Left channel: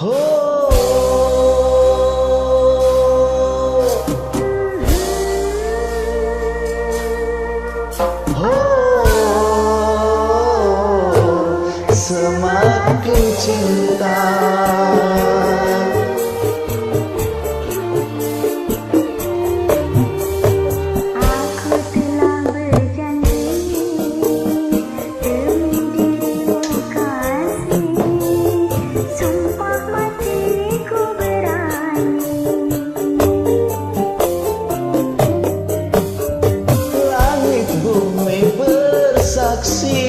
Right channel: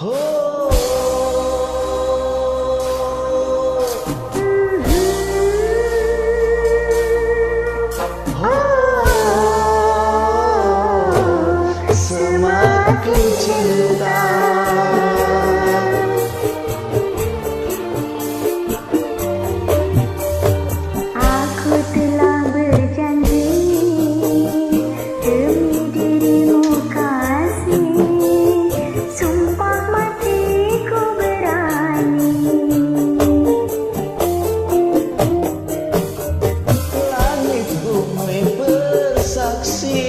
Semakin cinta. Aku telah berjanji demi dirimu kasih, sumpah matiku berani. Langit bumi bersaksi,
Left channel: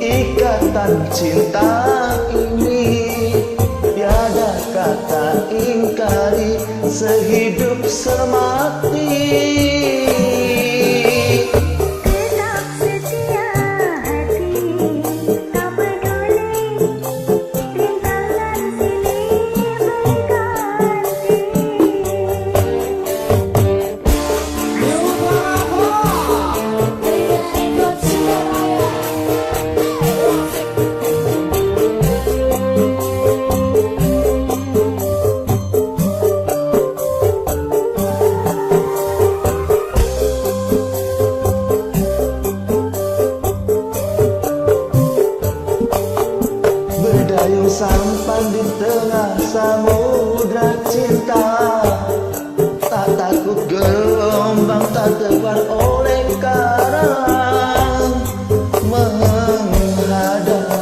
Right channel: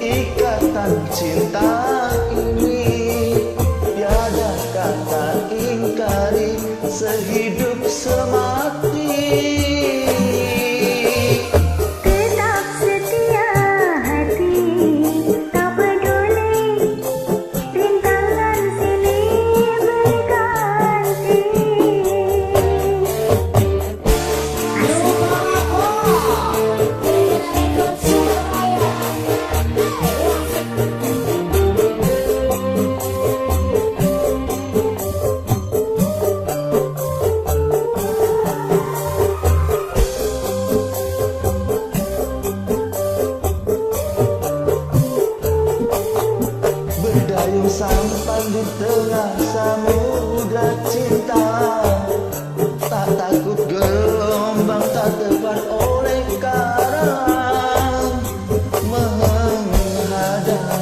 ikatan cinta ini tiada kata ingkari, sehidup semati. Tetap setia hati, tak peduli rintangan silih berganti. Berdayung sampan di tengah samudra cinta, tak takut gelombang, tak terpar oleh karang menghadang.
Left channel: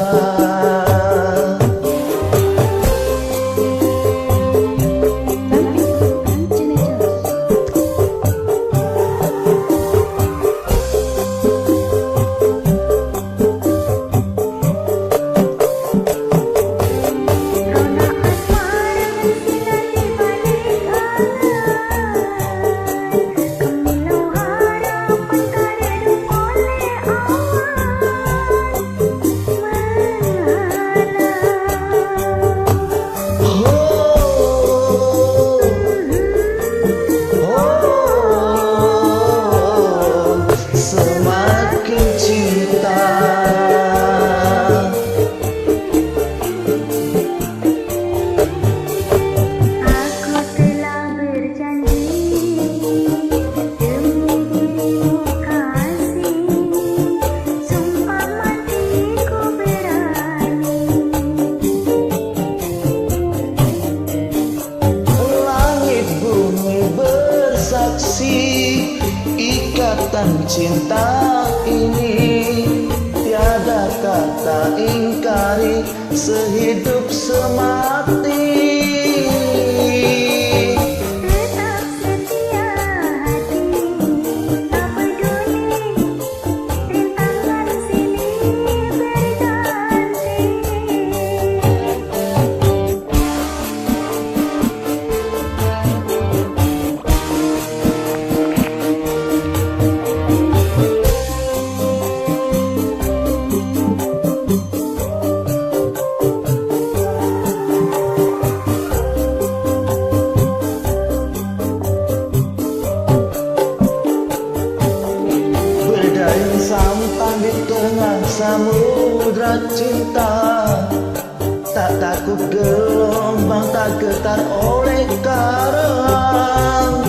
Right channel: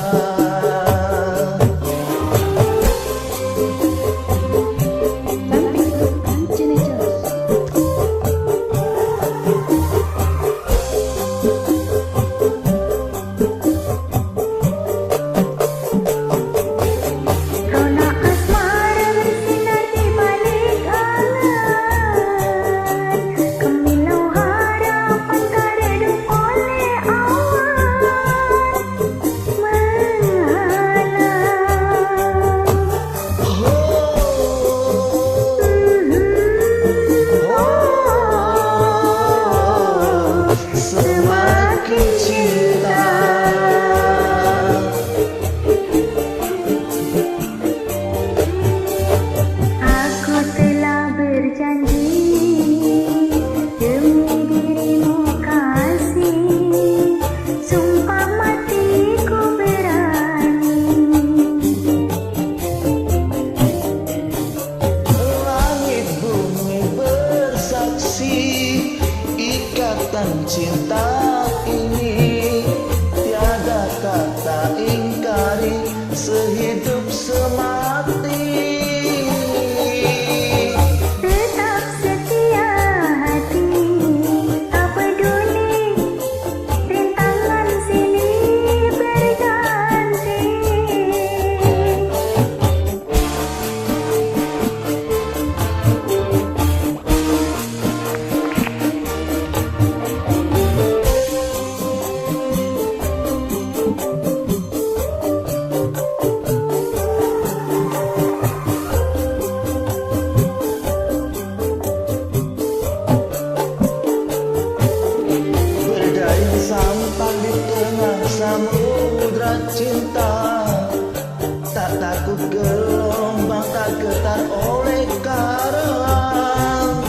Semakin cinta. Aku telah berjanji demi dirimu kasih, sumpah matiku berani. Langit bumi bersaksi, ikatan cinta ini tiada kata ingkari, sehidup semati. Tetap setia hati, tak peduli rintangan silih berganti. Berdayung sampan di tengah samudra cinta, tak takut gelombang, tak getar oleh karang